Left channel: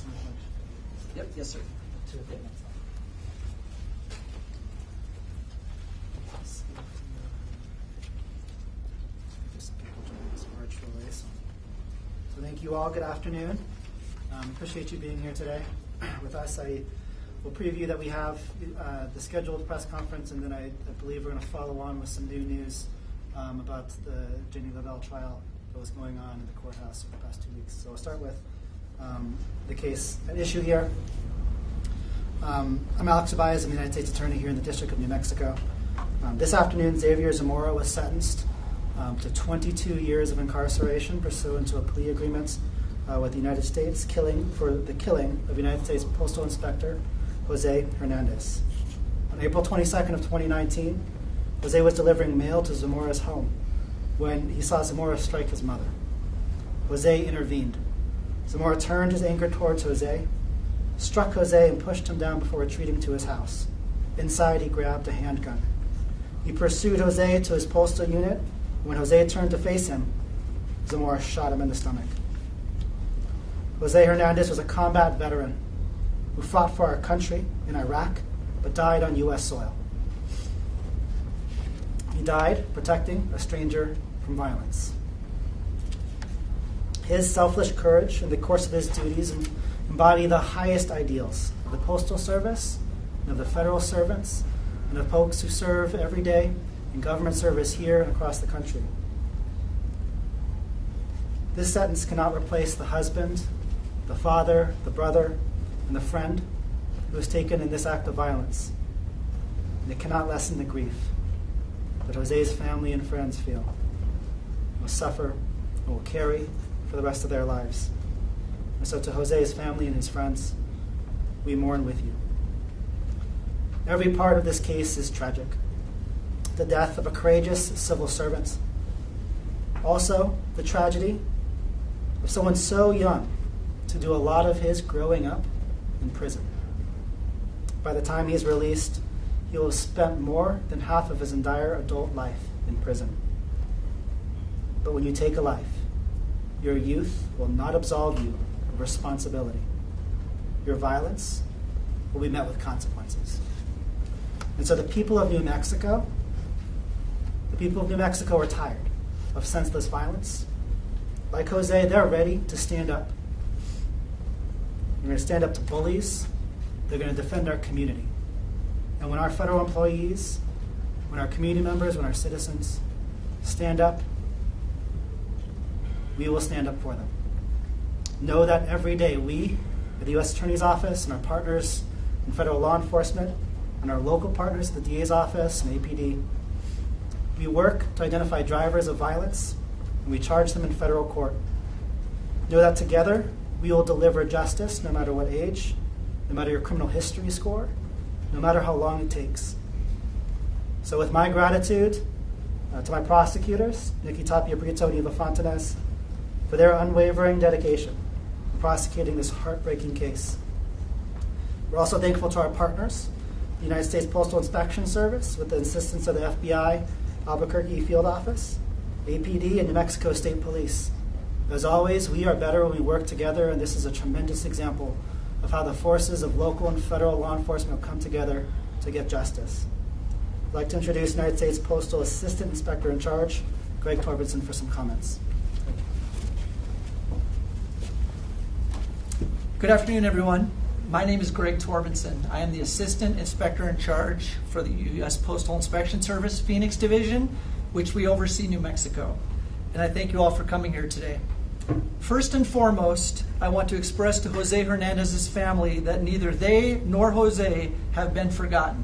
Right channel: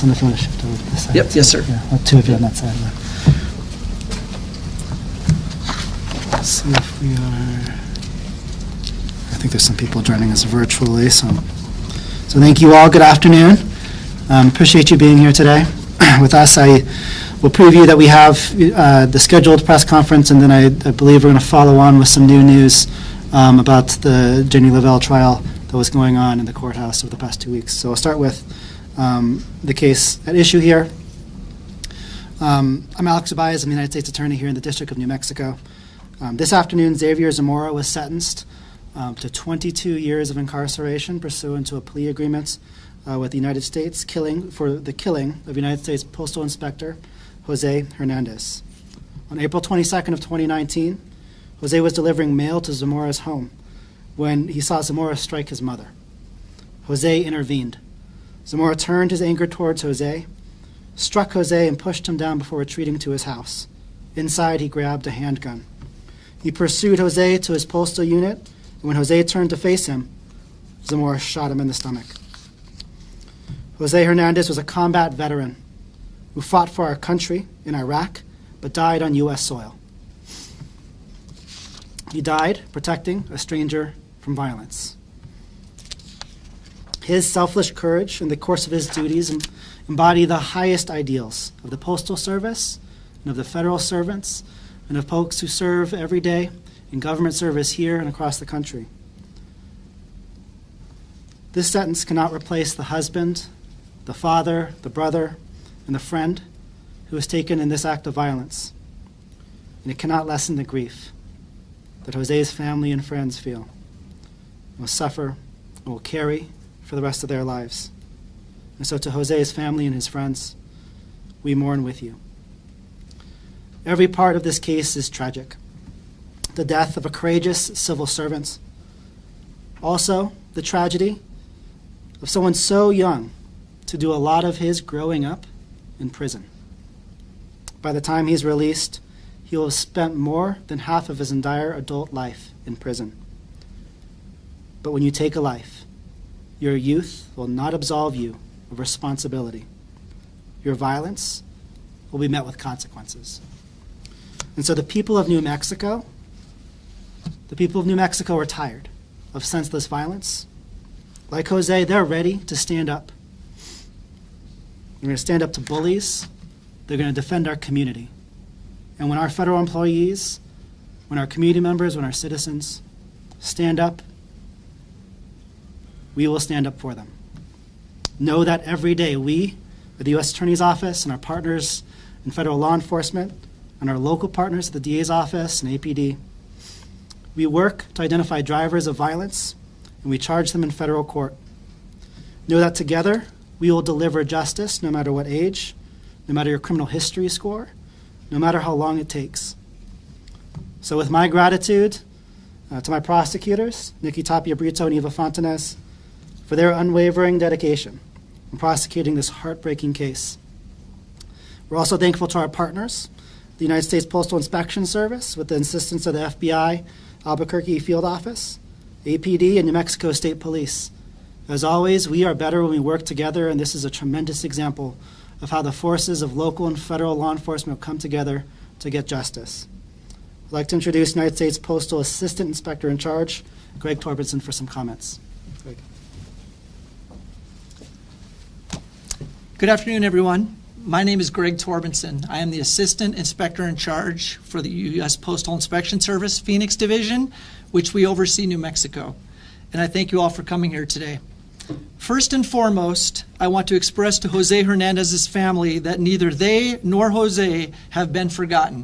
And if you want to shift over to this side. Yep, yes, sir. Yeah, well, two of you on that side. Let's see if we are. I think there's some people joining us virtually, so thank you all. Good afternoon. Appreciate you being here today with us. I will preview that we have the scheduled press conference, and then I believe we're going to follow on with some new news about the Jenny Lavelle trial that was going on in the courthouse over the past 2 weeks. So I'll start with the case at issue here. I'm Alex Uballez. I'm the United States Attorney here in the District of New Mexico. This afternoon, Xavier Zamora was sentenced to 22 years of incarceration pursuant to a plea agreement with the United States for the killing of United States Postal Inspector Jose Hernandez. On April 22nd of 2019, Jose was delivering mail to Zamora's home when he saw Zamora strike his mother. Jose intervened. Zamora turned his anger towards Jose, struck Jose, and pushed him down before retreating to his house. Inside, he grabbed a handgun. He pursued Jose to his postal unit, and when Jose turned to face him, Zamora shot him in the stomach. Jose Hernandez was a combat veteran who fought for our country in Iraq, but died on U.S. soil. He died protecting a stranger from violence. His selfless courage in the course of his duties embody the highest ideals of the Postal Service and of the federal servants and of folks who serve every day in government service here and across the country. This sentence cannot replace the husband, the father, the brother, and the friend who was taken in this act of violence. And it cannot lessen the grief that Jose's family and friends feel, will suffer, and will carry for the rest of their lives. And so to Jose's family and his friends, we mourn with you. Every part of this case is tragic. The death of a courageous civil servant. Also, the tragedy of someone so young to do a lot of his growing up in prison. By the time he's released, he will have spent more than half of his entire adult life in prison. But when you take a life, your youth will not absolve you of responsibility. Your violence will be met with consequences. And so the people of New Mexico are tired of senseless violence. Like Jose, they're ready to stand up. They're going to stand up to bullies. They're going to defend our community. And when our federal employees, when our community members, when our citizens stand up, we will stand up for them. Know that every day we, at the U.S. Attorney's Office and our partners in federal law enforcement and our local partners at the DA's office and APD, we work to identify drivers of violence and we charge them in federal court. Know that together we will deliver justice no matter what age, no matter your criminal history score, no matter how long it takes. So with my gratitude to my prosecutors, Nikki Tapia Brito and Eva Fontanez, for their unwavering dedication in prosecuting this heartbreaking case. We're also thankful to our partners, the United States Postal Inspection Service, with the assistance of the FBI, Albuquerque Field Office, APD, and New Mexico State Police. As always, we are better when we work together, and this is a tremendous example of how the forces of local and federal law enforcement come together to get justice. I'd like to introduce United States Postal Assistant Inspector in Charge, Greg Torbenson, for some comments. Good afternoon, everyone. My name is Greg Torbenson. I am the Assistant Inspector in Charge for the U.S. Postal Inspection Service Phoenix Division, which we oversee New Mexico. And I thank you all for coming here today. First and foremost, I want to express to Jose Hernandez's family that neither they nor Jose have been forgotten.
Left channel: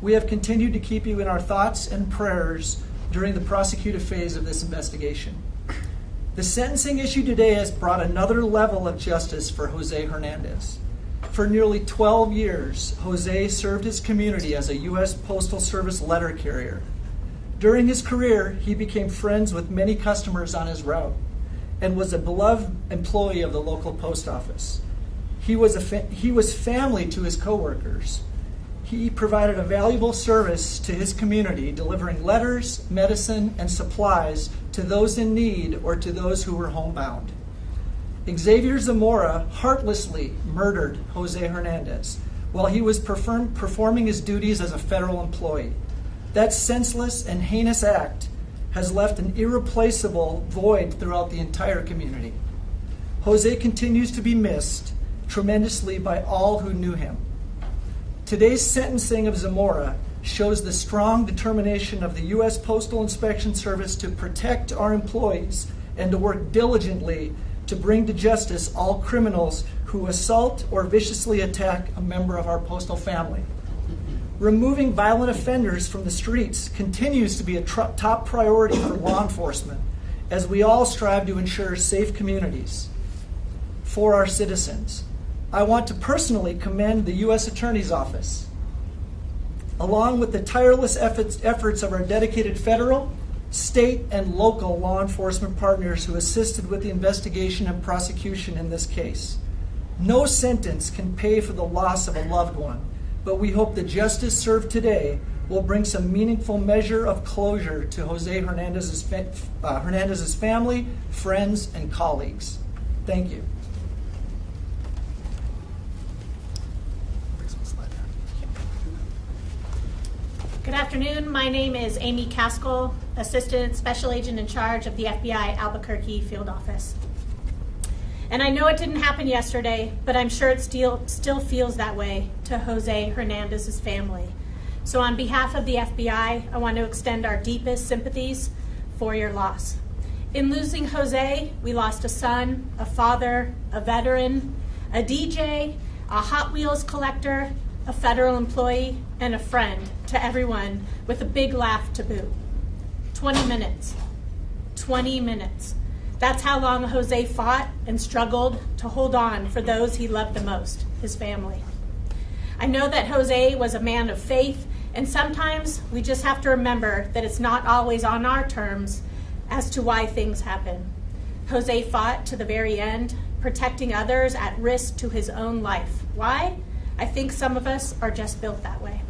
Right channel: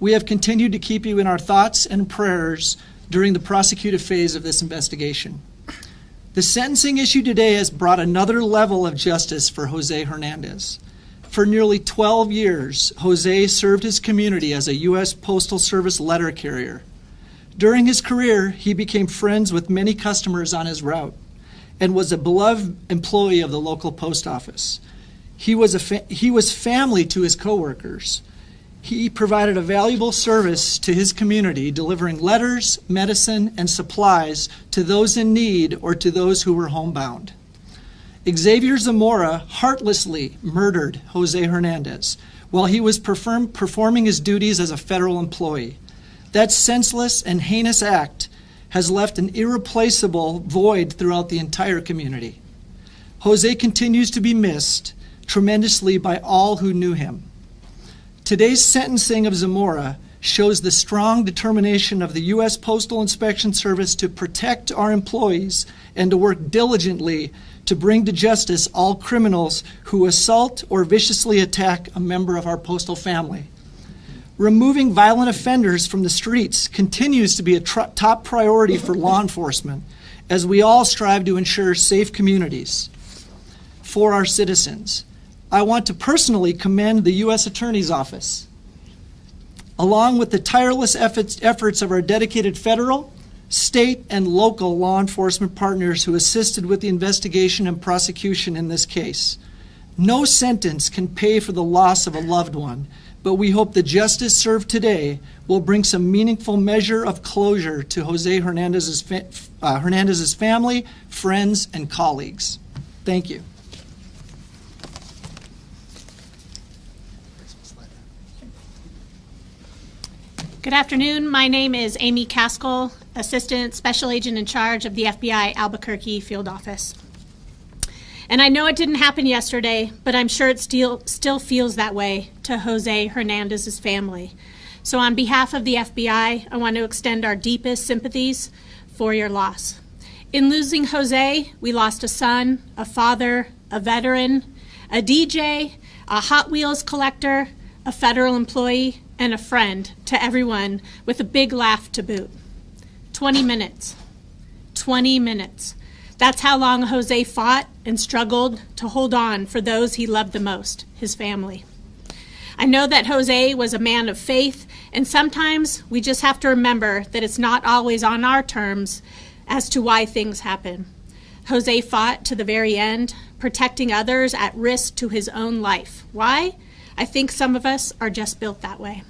We have continued to keep you in our thoughts and prayers during the prosecutive phase of this investigation. The sentencing issue today has brought another level of justice for Jose Hernandez. For nearly 12 years, Jose served his community as a U.S. Postal Service letter carrier. During his career, he became friends with many customers on his route and was a beloved employee of the local post office. He was family to his coworkers. He provided a valuable service to his community, delivering letters, medicine, and supplies to those in need or to those who were homebound. Xavier Zamora heartlessly murdered Jose Hernandez while he was performing his duties as a federal employee. That senseless and heinous act has left an irreplaceable void throughout the entire community. Jose continues to be missed tremendously by all who knew him. Today's sentencing of Zamora shows the strong determination of the U.S. Postal Inspection Service to protect our employees and to work diligently to bring to justice all criminals who assault or viciously attack a member of our postal family. Removing violent offenders from the streets continues to be a top priority for law enforcement as we all strive to ensure safe communities for our citizens. I want to personally commend the U.S. Attorney's Office, along with the tireless efforts of our dedicated federal, state, and local law enforcement partners who assisted with the investigation and prosecution in this case. No sentence can pay for the loss of a loved one, but we hope the justice served today will bring some meaningful measure of closure to Jose Hernandez's family, friends, and colleagues. Thank you. Good afternoon. My name is Amy Caskell, Assistant Special Agent in charge of the FBI Albuquerque Field Office. And I know it didn't happen yesterday, but I'm sure it still feels that way to Jose Hernandez's family. So on behalf of the FBI, I want to extend our deepest sympathies for your loss. In losing Jose, we lost a son, a father, a veteran, a DJ, a Hot Wheels collector, a federal employee, and a friend to everyone with a big laugh to boot. 20 minutes. 20 minutes. That's how long Jose fought and struggled to hold on for those he loved the most, his family. I know that Jose was a man of faith, and sometimes we just have to remember that it's not always on our terms as to why things happen. Jose fought to the very end, protecting others at risk to his own life. Why? I think some of us are just built that way.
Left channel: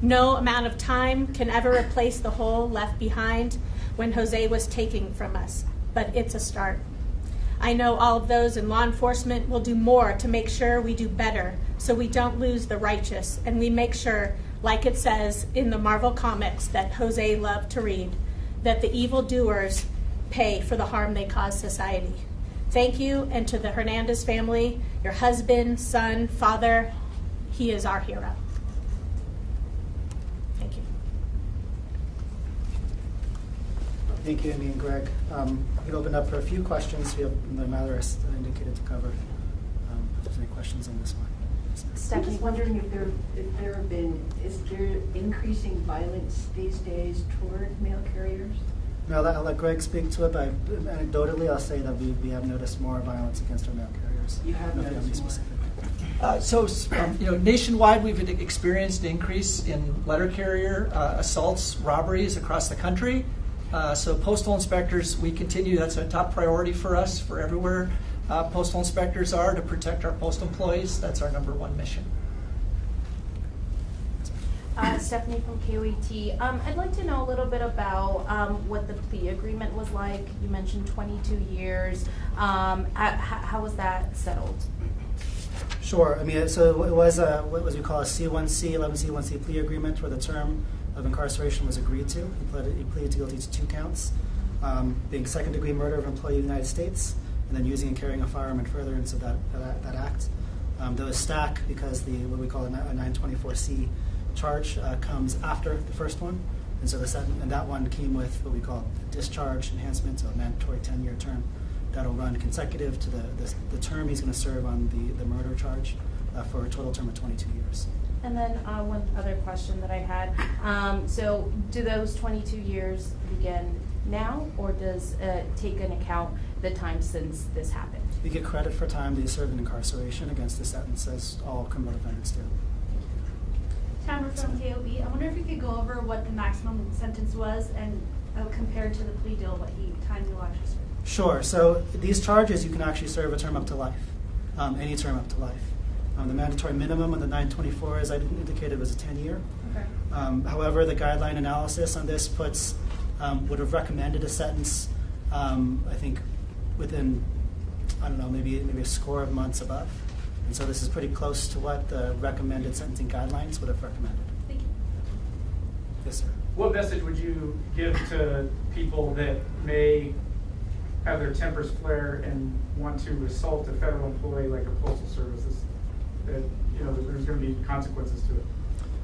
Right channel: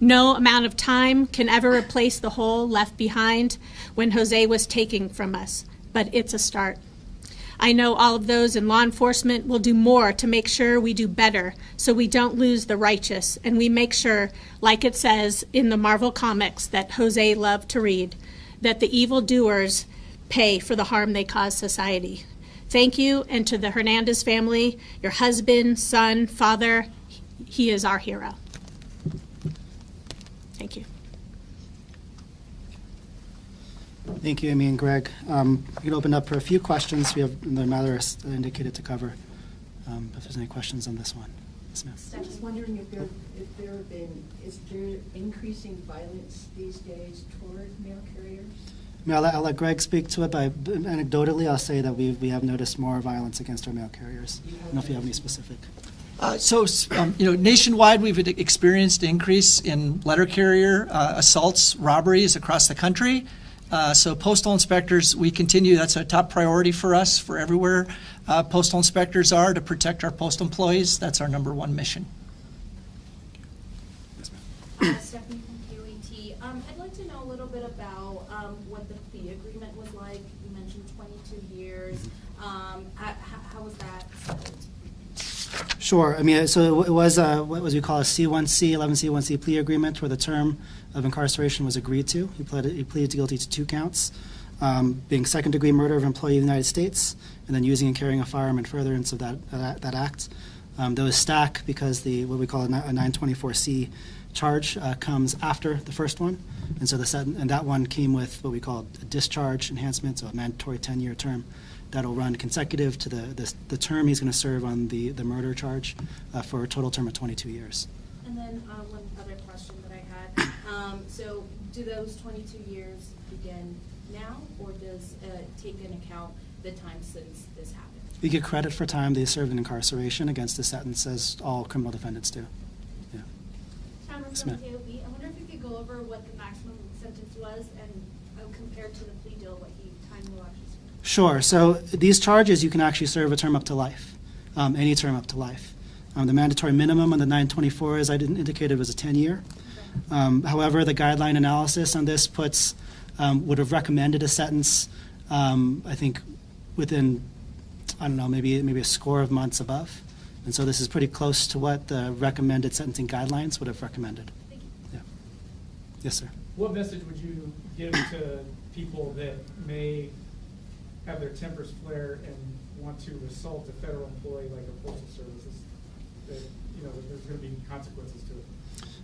No amount of time can ever replace the hole left behind when Jose was taken from us, but it's a start. I know all of those in law enforcement will do more to make sure we do better so we don't lose the righteous, and we make sure, like it says in the Marvel comics that Jose loved to read, that the evildoers pay for the harm they cause society. Thank you, and to the Hernandez family, your husband, son, father, he is our hero. Thank you. Thank you, Amy and Greg. We can open up for a few questions. We have the matters indicated to cover. If there's any questions on this one. Yes, ma'am. Stephanie, wondering if is there increasing violence these days toward mail carriers? I'll let Greg speak to it, but anecdotally, I'll say that we have noticed more violence against our mail carriers. You have I don't know if you have any noticed specific. Nationwide, we've experienced an increase in letter carrier assaults, robberies across the country. So postal inspectors, we continue, that's a top priority for us, for everywhere postal inspectors are, to protect our postal employees. That's our #1 mission. Stephanie from KOET. I'd like to know a little bit about what the plea agreement was like. You mentioned 22 years. How was that settled? Sure. I mean, so it was what we call a C1C, 11C1C plea agreement, where the term of incarceration was agreed to. He pleaded guilty to 2 counts, being second-degree murder of an employee of the United States, and then using and carrying a firearm in furtherance of that act. Those stack because what we call a 924C charge comes after the first one, and so and that one came with what we call a discharge enhancement, so a mandatory 10-year term that'll run consecutive to the term he's going to serve on the murder charge for a total term of 22 years. And then one other question that I had. So do those 22 years begin now, or does it take into account the time since this happened? You get credit for time they served in incarceration against the sentence, as all criminal defendants do. Towner from KOB. I wonder if you could go over what the maximum sentence was and compared to the plea deal, what time you actually served. Sure. So these charges, you can actually serve a term up to life, any term up to life. The mandatory minimum on the 924, as I indicated, was a 10-year. Okay. However, the guideline analysis on this would have recommended a sentence, I think, within I don't know, maybe a score of months above. And so this is pretty close to what the recommended sentencing guidelines would have recommended. Thank you. Yeah. Yes, sir. What message would you give to people that may have their tempers flare and want to assault a federal employee like a postal service? That, you know, that there's going to be consequences to it.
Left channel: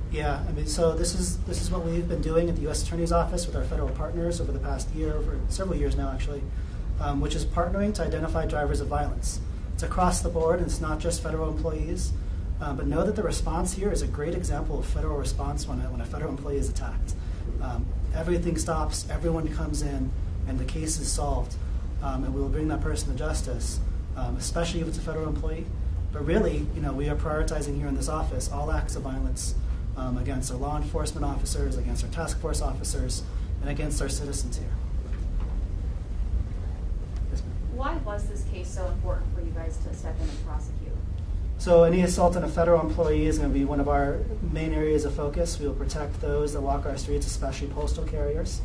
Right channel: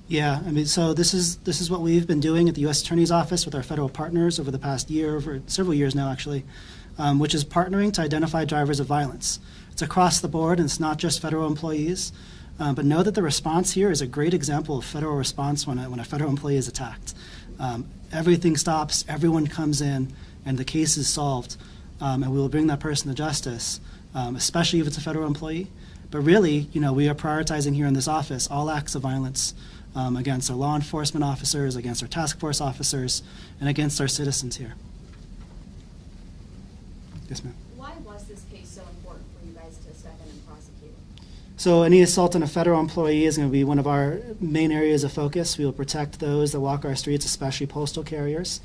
Yeah, I mean, so this is what we've been doing at the U.S. Attorney's Office with our federal partners over the past year, over several years now actually, which is partnering to identify drivers of violence. It's across the board, and it's not just federal employees. But know that the response here is a great example of federal response when a federal employee is attacked. Everything stops, everyone comes in, and the case is solved, and we will bring that person to justice, especially if it's a federal employee. But really, you know, we are prioritizing here in this office all acts of violence against our law enforcement officers, against our task force officers, and against our citizens here. Yes, ma'am. Why was this case so important for you guys to step in and prosecute? So any assault on a federal employee is going to be one of our main areas of focus. We will protect those that walk our streets, especially postal carriers,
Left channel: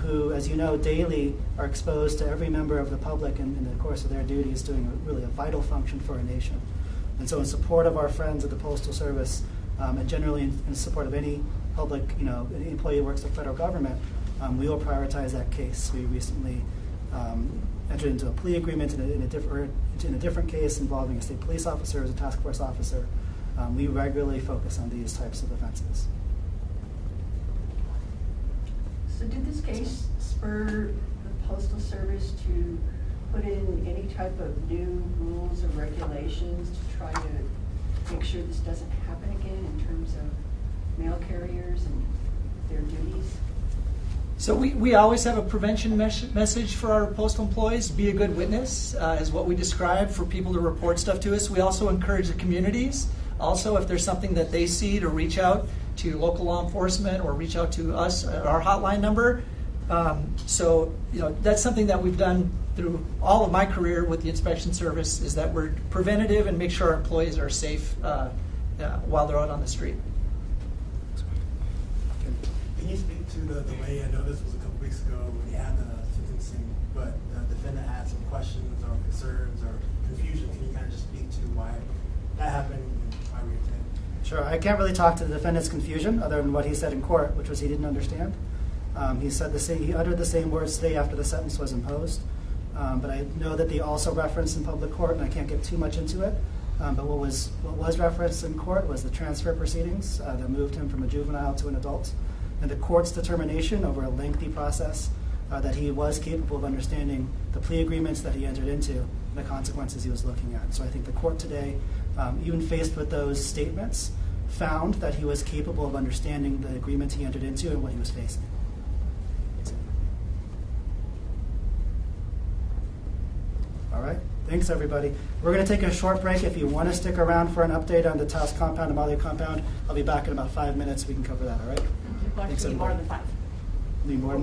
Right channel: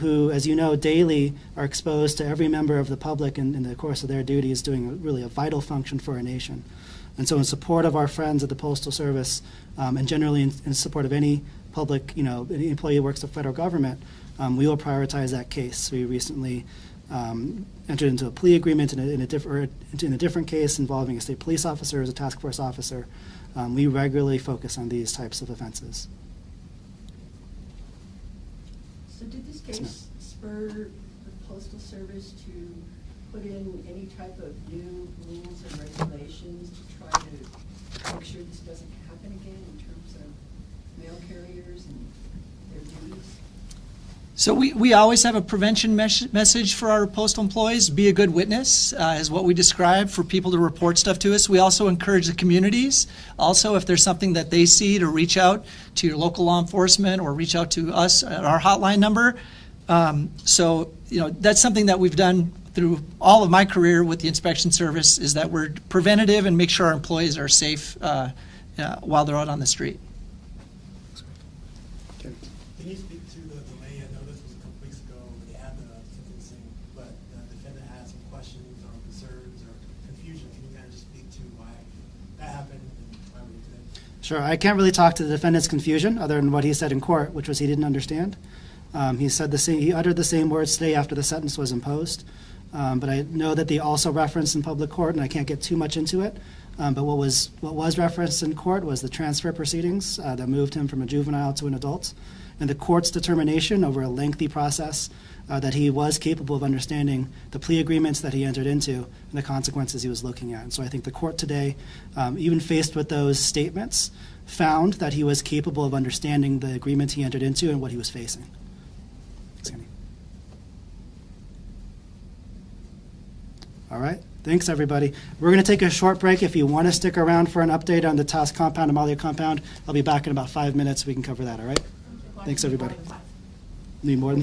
who, as you know, daily are exposed to every member of the public in the course of their duties, doing really a vital function for our nation. And so in support of our friends at the Postal Service, and generally in support of any public, you know, any employee who works for the federal government, we will prioritize that case. We recently entered into a plea agreement in a different case involving a state police officer as a task force officer. We regularly focus on these types of offenses. So did this case spur the Postal Service to put in any type of new rules and regulations to try to make sure this doesn't happen again in terms of mail carriers and their duties? So we always have a prevention message for our postal employees. Be a good witness is what we describe for people to report stuff to us. We also encourage the communities. Also, if there's something that they see, to reach out to your local law enforcement or reach out to us at our hotline number. So, you know, that's something that we've done through all of my career with the inspection service, is that we're preventative and make sure our employees are safe while they're out on the street. Can you speak to the delay? I know this was a couple weeks ago when you had the sentencing, but the defendant had some questions or concerns or confusion. Can you kind of just speak to why that happened and why we attended? Sure, I can't really talk to the defendant's confusion other than what he said in court, which was he didn't understand. He said he uttered the same words today after the sentence was imposed. But I know that they also referenced in public court, and I can't get too much into it. But what was referenced in court was the transfer proceedings that moved him from a juvenile to an adult, and the court's determination over a lengthy process that he was capable of understanding the plea agreements that he entered into and the consequences he was looking at. And so I think the court today, even faced with those statements, found that he was capable of understanding the agreements he entered into and what he was facing. All right, thanks everybody. We're going to take a short break. If you want to stick around for an update on the Task Compound, Amalia Compound, I'll be back in about 5 minutes. We can cover that, all right? Thanks everybody. Need more than